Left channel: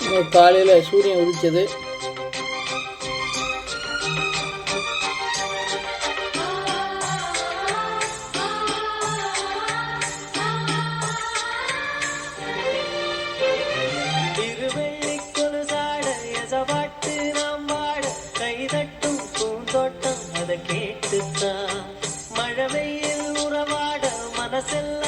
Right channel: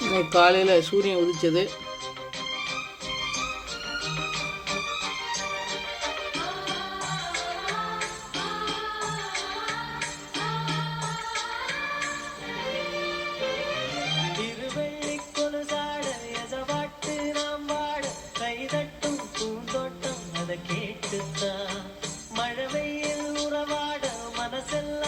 இன்னைக்கு காலையில் சூரியன் உதிச்சது. கேட்டுத்தான். மழை உறவாட மனசெல்லாம்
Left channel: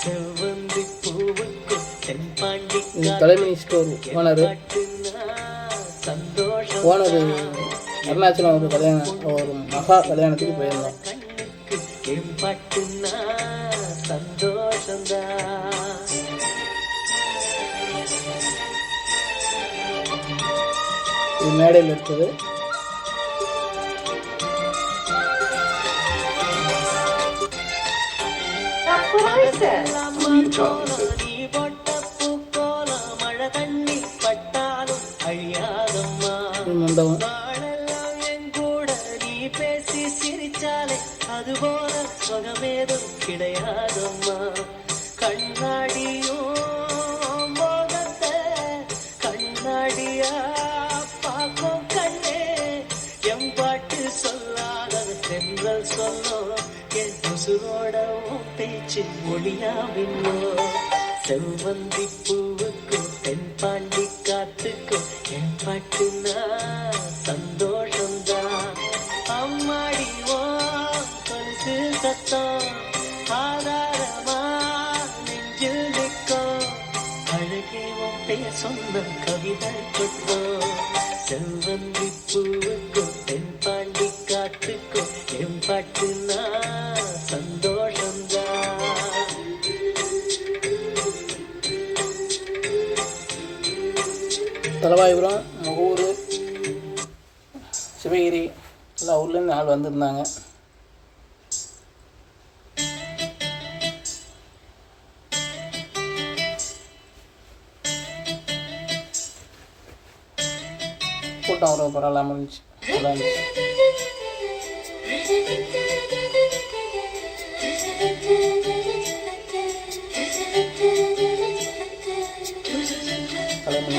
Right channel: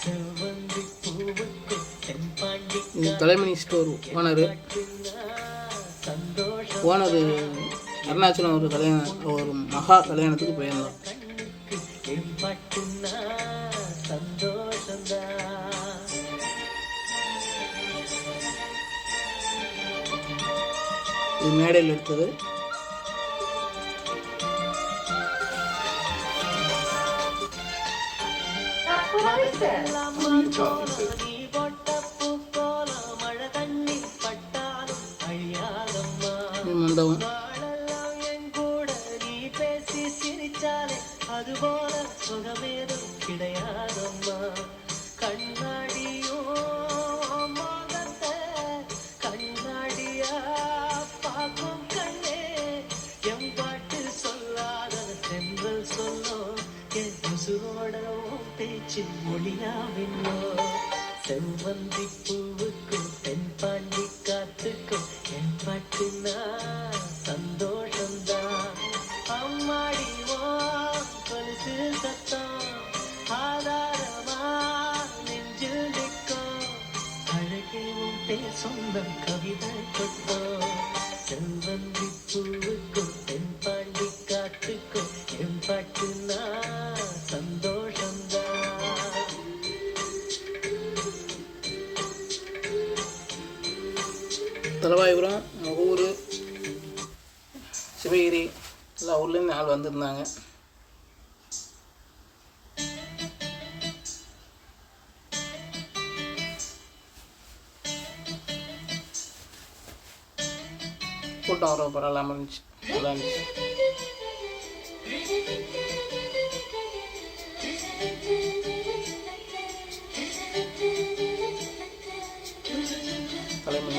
செவ்வந்தி பூவுக்கு தென்பாண்டி இது தலைமணி ஸ்டோர் ஓனர். ஓனர் அருணாச்சலம் ஒரு கல்யாணம் ஒரு மகா கல்யாணத்துக்கு போயிருந்தோம் இது மேடையில் எடுத்தது. மண்டபம் நாளெல்லாம் சுகமேதும் கிடையாதம்மா கண்ணாடியும் கண்ணாடியா பார்க்கும் கண்ணே எம் பாட்டு சொல்லாத தென்றல் சொல்லோ என் உசுரோட பேச்சு மொழியாவின்னோ செவ்வந்தி பூவுக்கு தென்பாண்டி காத்துக்கு என் பாட்டுனா சந்தோஷம்தான். அம்மாடிவோ பரிசு சத்தம் ஆதாரமா நெஞ்சில் நிற்கும். அழகே பேர் சொந்தம் கவிதை கட்டோ செவ்வந்தி பூவுக்கு தென்பாண்டி தலவாயுபுரம் ஊர் சிவகிரி எல்லா ஊர்லேருந்து ஆள் வந்திருந்தாங்க. கூட்டம் வர பரவாயில்லாமல் இருந்துச்சு. நல்லா இருந்துச்சு. தலைமணி